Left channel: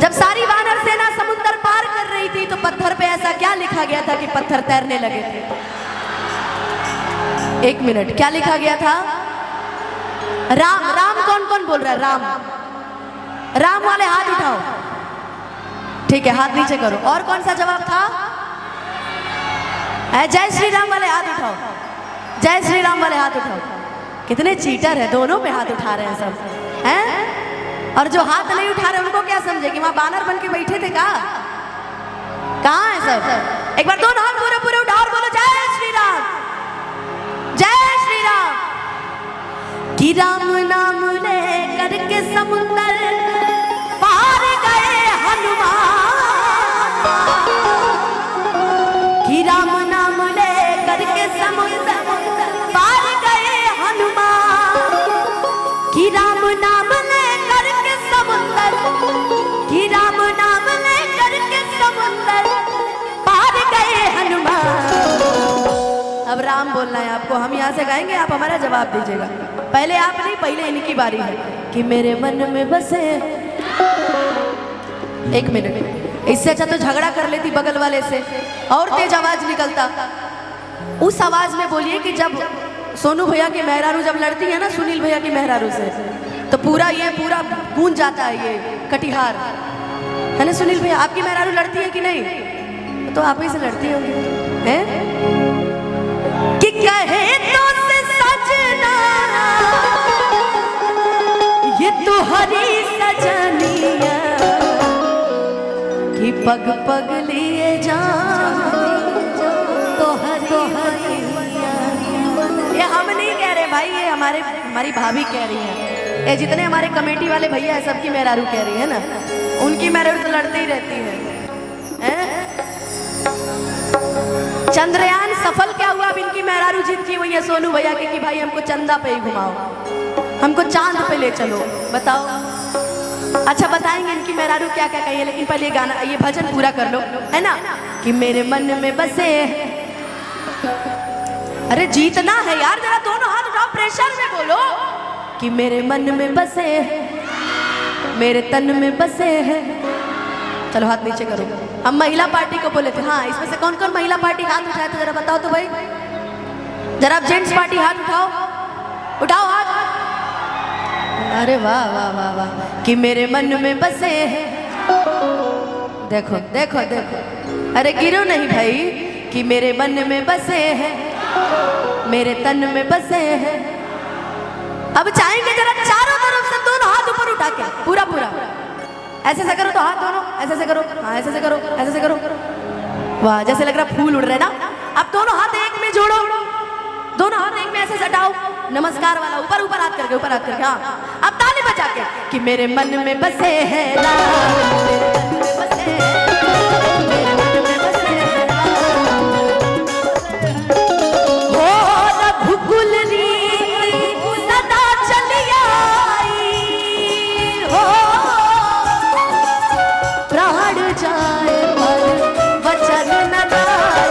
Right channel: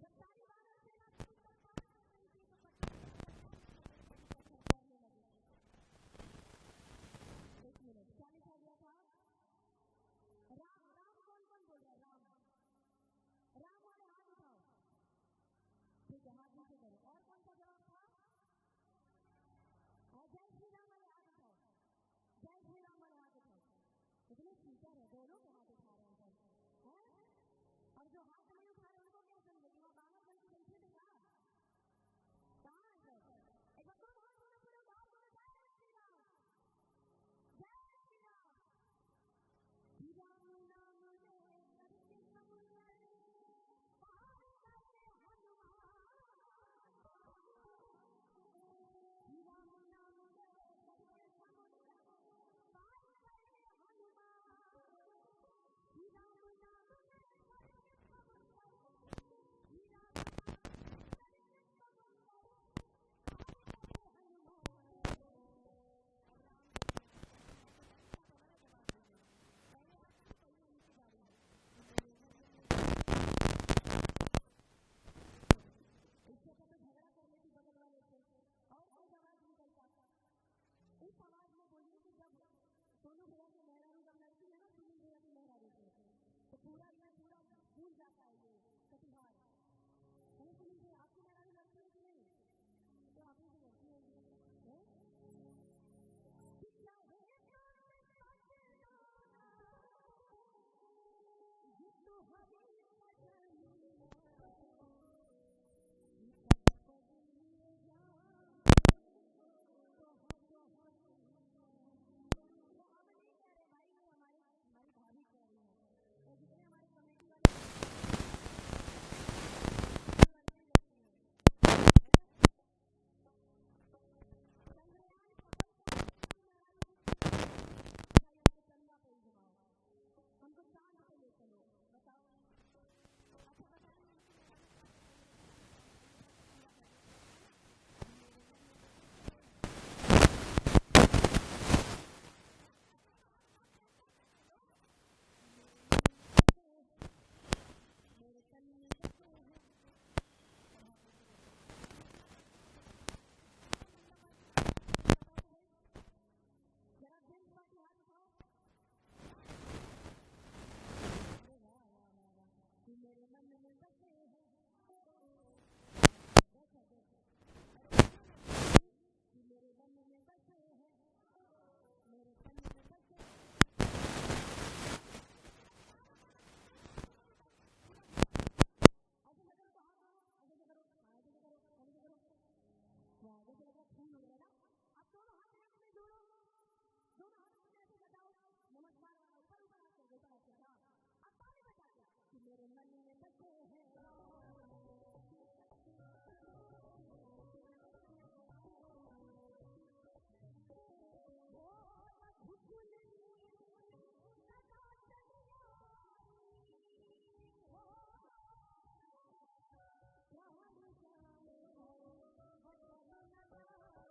जब सारी वानर सेना समुद्र पार कर रही थी तो पत्थर पे ऐसा क्या लिखा गया था कि पत्थर तैरने लगे थे? एक मिनट, क्या लिखा गया था? राम। राम कौन कौन बोल रहा है? राम। राम वाले हाथ उठाओ। ठीक है, हाथ नीचे करो। और कौन सा जवाब था? जय श्री राम वाले हाथ उठाओ। जय श्री राम वाले हाथ उठाओ। कितने चीटर है, दोनों पे हाथ उठा रहे हैं सब हैं। और जो हाथ नहीं उठा रहे उनको क्या समझे कि वहां बानर बन के बैठे थे? कहाँ है सब? एक बार दोनों हाथ पूरे पूरे उठाओ और बोलो जय श्री राम, जय श्री राम। कि राम नाम ले करके समुंदर पार गए हनुमान। कि राम नाम ले करके समुंदर पार गए हनुमान। कि राम नाम ले करके समुंदर, कि राम नाम ले करके समुंदर पार गए हनुमान। अब राम बोलना है आपको, हम यहाँ से गाएंगे, आप हमारा जवाब दीजिएगा। पहले आप नहीं, पहले इनकी बारी है। कि मेरे मन में बसे। एक मिनट, इससे अच्छा तो झगड़ा कर लेती बगल वाले से, और तेज आवाज निकलता। उस आवाज में बोलिए कि जब सोनू भैया की मेहरारू जब लड़ती है ना सुनील भैया की मेहरारू से, तो पूरा गूंज जाता है ये कटिहार, है ना सुनील भैया? आपकी मेहरारू लड़ती है कि नहीं? तो आप ही से लड़ती होंगी, हैं? कि कहे तो से सजना ये तो हरी सजनिया, कि पग पग लिए जा तो हरी। ये हम नहीं कह रहे भाई, ये हमारी भाभी कह रही है। ये जितने हमारे कमेटी वाले भैया है सबकी मेहरारू कह रही है ना, उनकी मेहरारू तो लड़ती ही रहती है। चंद्रयान सफल क्या हुआ? अब इनकी मेहरारू जीतती हुई है सोनू भैया के कि भाई हमको चंदा पे ही घुमाओ, हमको चांद पे ले चलो। बताओ, अच्छा बताएंगे इनकी मेहरारू क्या क्या कही है, लेकिन पहले ये गाना, ये भजन पूरा कर लो, है ना? कि मेरे मन में बसे। अरे जीतना है यार, जरा दोनों हाथ उठाओ, प्रेशर में बोलो। कि मेरे मन में बसे, मेरे तन में बसे हैं। चलो हाथ नीचे करो। हम महिला पार्टी को बोले थे। हाँ, इसमें से कौन कौन महिला पार्टी हाथ उठाए तो जरा बताओ तो भाई। जरा आप जेंट्स पार्टी हाथ उठाओ, उठाओ हाथ। अरे वाह वाह वाह वाह। कि मेरे मन में बसे हैं। देखो देखो देखो, अरे गिरो नहीं भाई। कि मेरे मन में बसे हैं, मेरे तन में बसे हैं। अब चाहेंगे जरा चारों तरफ से दोनों हाथ ऊपर उठा के पूरा पूरा ऐसे से करो, तो हाथ दोनों ऐसे से करो। हाँ ऐसे से करो, ऐसे से करो। वाह, जैसे लग रहा फूल उड़ रहे ना। अब दोनों हाथ एक में जोड़ो, दोनों हाथ एक में ऐसे सटाओ, नमस्कार वाला, ऊपर ऊपर हाथ करके, ऊपर हाथ करके। हाँ, अब ताली बजा के। कि मेरे मन में बसे हैं राम, मेरे मन में बसे हैं, मेरे मन में बसे हैं राम। हो रघुकुल रीत सदा चली आई, हो प्राण जाए पर वचन न जाए।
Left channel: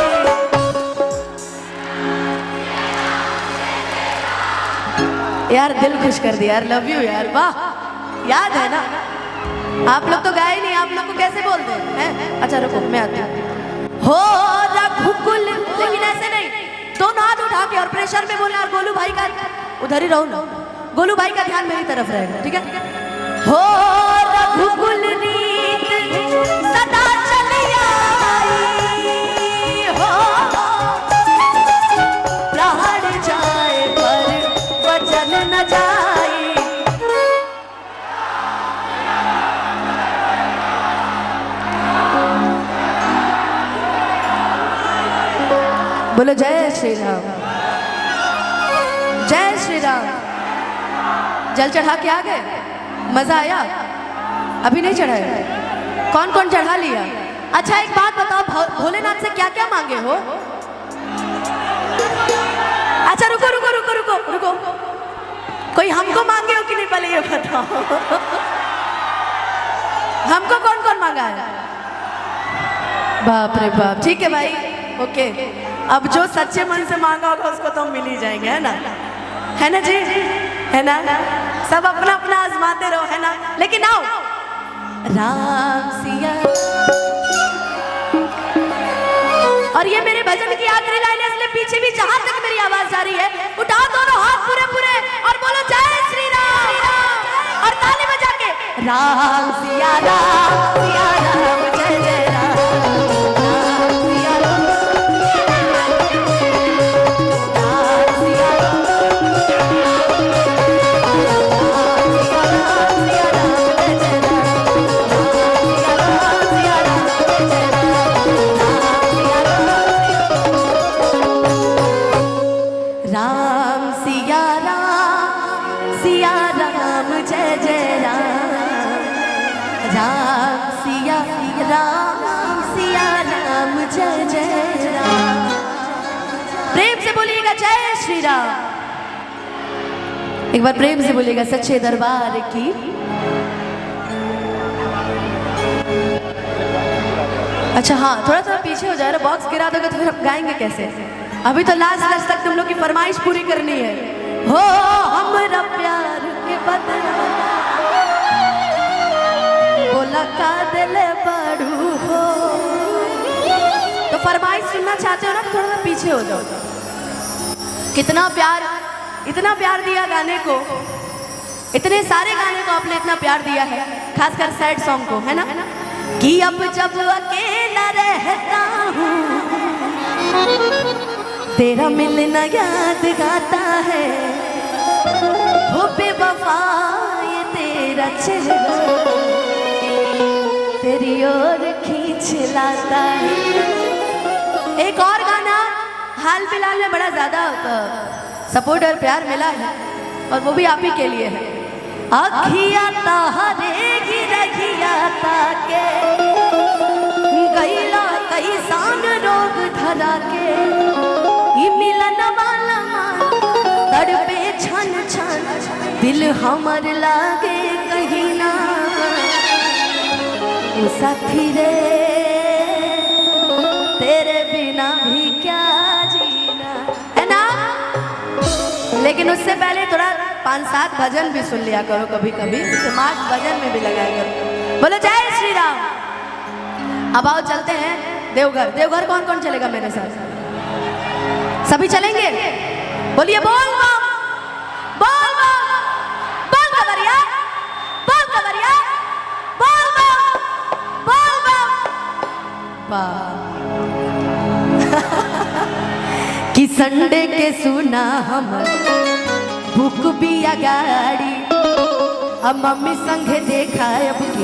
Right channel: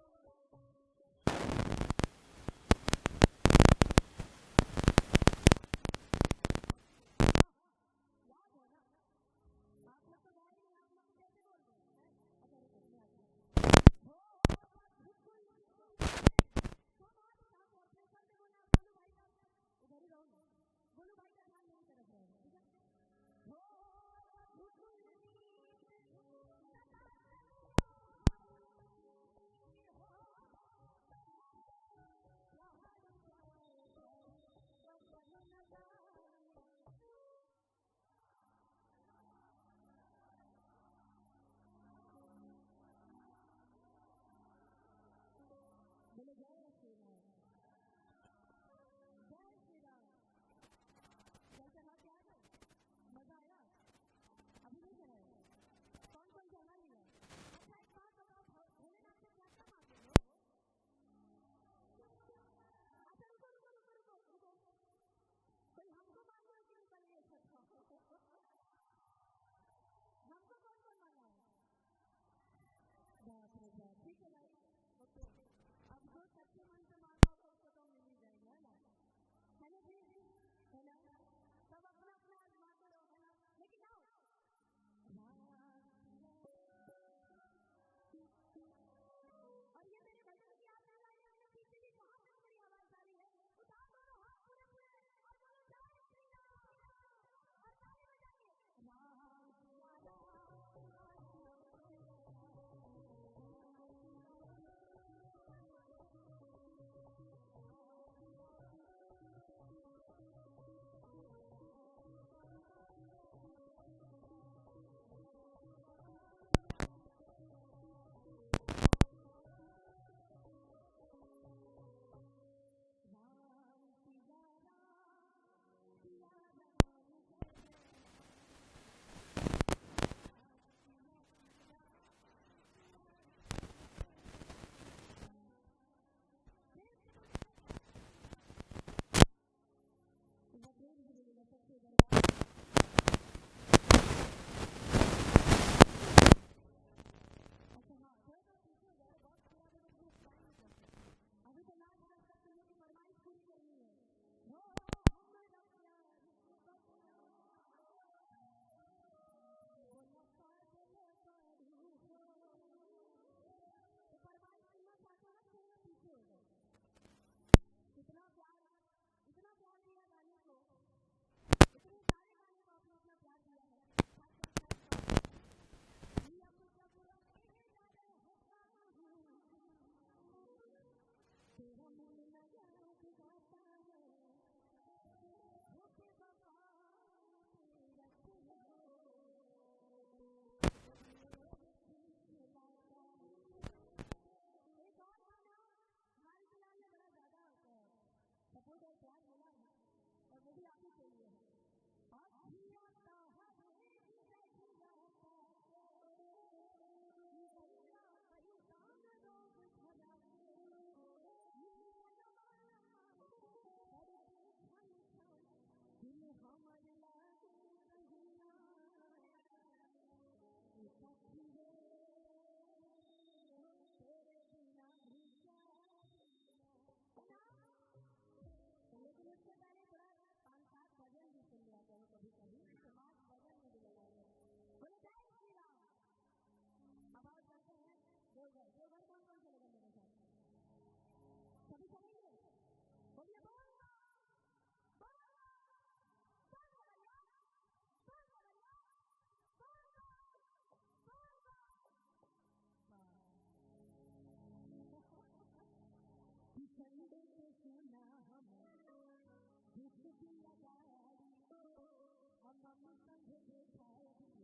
यार दिल खुश कर दिया यार, लव यू यार। वाह, याद है ना? आप लोग तो गाए नहीं, आप लोग को कैसे बोलते हैं? अच्छा रुको, मैं आती हूँ। हो रघुकुल, लेकिन ऐसे नहीं, दोनों हाथ उठा के और प्रेशर में बोलना। और गोलू भाई का उधर ही रहो ना, गोलू भाई का ध्यान मेरी तरफ रहेगा, ठीक है? हो रघुकुल रीत सदा चली आई, हो प्राण जाए पर वचन न जाए। बोलो जय श्री राम, जय श्री राम। जल चढ़ा के आ गए? मजा आया? अभी नहीं चढ़ाया? कौन कौन चढ़ा लिया? अच्छा एक बात बताओ, भोलेनाथ से क्या क्या मांगे हो? अच्छा रुको रुको रुको रुको रुको, कोई हमको मांगे हो कि नहीं पहले ये बताओ। हमको कौन कौन मांगा है? बाप रे बाप, ठीक है भाई, ओके। अब जो सच्चे मन से मांगा होगा उसको तो हम मिल ही जाएंगे, है ना जी, है ना? सब अपना अपना आजमाते रहो, है ना? लेकिन आओ राम सिया। और ये मेरे भजन की आखिरी लाइन है, इसलिए पीछे भी जहां तक मेरी आवाज जा रही है, उठाओ दोनों हाथ पूरे पूरे और बोलो जय श्री राम, और ताली बजा के राम सिया राम जय जय राम, राम सिया राम, राम सिया राम, राम सिया राम जय जय राम, राम सिया राम जय जय राम। प्रेम से बोलिएगा जय श्री राम। एक बार प्रेम से बोलिएगा सच्चे दरबार की। अच्छा हाँ, थोड़ा थोड़ा पीछे हो जाए, बॉक्स गिरा दोगे तो फिर हम गाएंगे कैसे? अभी तो लास्ट तक तुम लोग की फरमाइश पूरी करनी है। हो हमरा प्यार के बदला बोला का दिल बड़ू हो, तो फरमाइश सुनना चाहते हो ना, थोड़ा सा पीछे हो जाओ। कितना प्यार, इतना प्यार दिया गाने को, इतने सारे गाने को आपने इतना प्यार दिया है, खासकर सैड सॉन्ग को, है ना? कि अब जब अकेला रहता हूँ तेरा मिलना याद गाता है, हो बेवफा ये तेरा चेहरा तेरी ओर खींच लाता है। एक और गाना हाल फिलहाल में बड़ा ज्यादा सपोर्ट और प्यार मिला है, और वो भी आप ही के लिए है। अखिया तारे रखिया ताके गईला कई सान रोग धरा के, मिलन वाला तड़पे छन छन दिल हमर लागे कहीं ना, साथी रे तेरे बिना भी क्या जीना, है ना? लेकिन उससे पहले थोड़ा 5-7 भजन भी सुन लिया करो, कभी कभी दिमाग भजन में भी लगाया करो। बोलो जय श्री राम। अब आओ चलते हैं देवघर। देवघर कौन कौन चलेगा मेरे साथ? सभी चलेंगे? बोलिए बोल बम, बोल बम, बोल कवरिया, बोल कवरिया, बोल बम, बोल बम। कि संडे के सुना हम बुक बिया गाड़ी, अब मम्मी संगे देखा अब की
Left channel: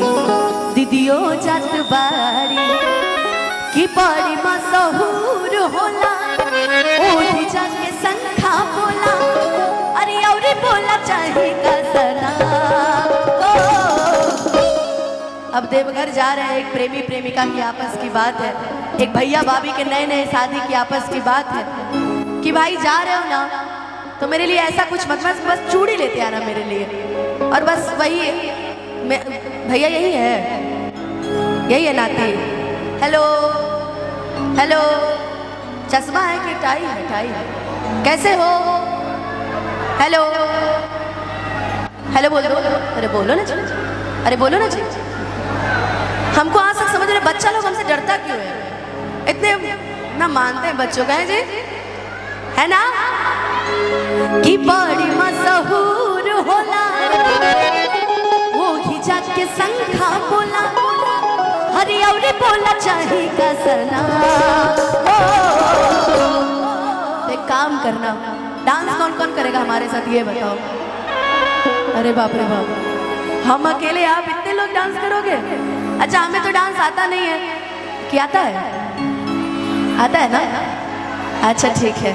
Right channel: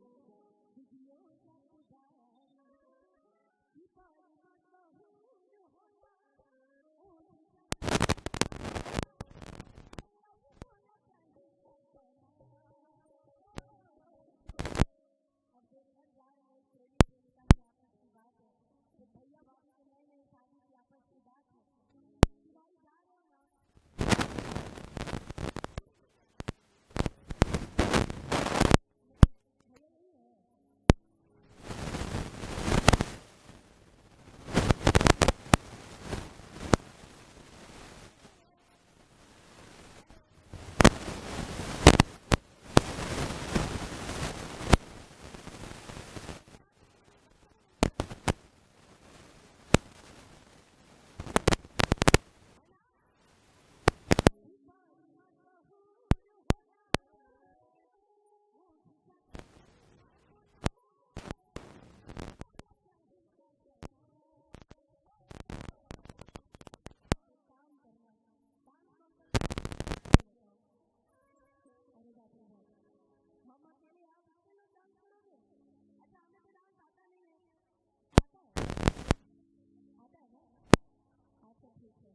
दीदियों जात बाड़ी, कि बड़ी मशहूर होला ओढ़ी जाके संखा बोला, अरे और बोला चाहे कसना। अब देवघर जा रहे हैं, एक प्रेमी प्रेमिका की आपस की बात है, एक भैया भाभी के नए नए शादी की आपस की बात है, कि भाई जा रहे हो ना तो मेरे लिए ऐसा कुछ मत, बस चूड़ी लेते आना मेरे लिए, और बस वही भैया यही है नाती। हेलो हेलो, चश्मा है कि टाई है? टाई है। कैसे हो? हेलो हेलो बोल दो, अरे बोलो ना जी, अरे बोलो ना जी। हमको आज तक समझ रहे बच्चा लोग हमसे डरता क्यों है? इतने ना मानते हैं बच्चों का, है जी, है ना? कि बड़ी मशहूर होला वो ही जाके संखा बोला, हरी और बोला चाहे कसना। एक काम करना, डांस कौन कौन करेगा हमारे साथ ये बताओ? अरे बाप रे बाप, हम अकेले, आप इतने लोग डांस करोगे? अच्छा हमें तो डांस आता नहीं है, कि आता है? आता है ना? अच्छा ठीक है।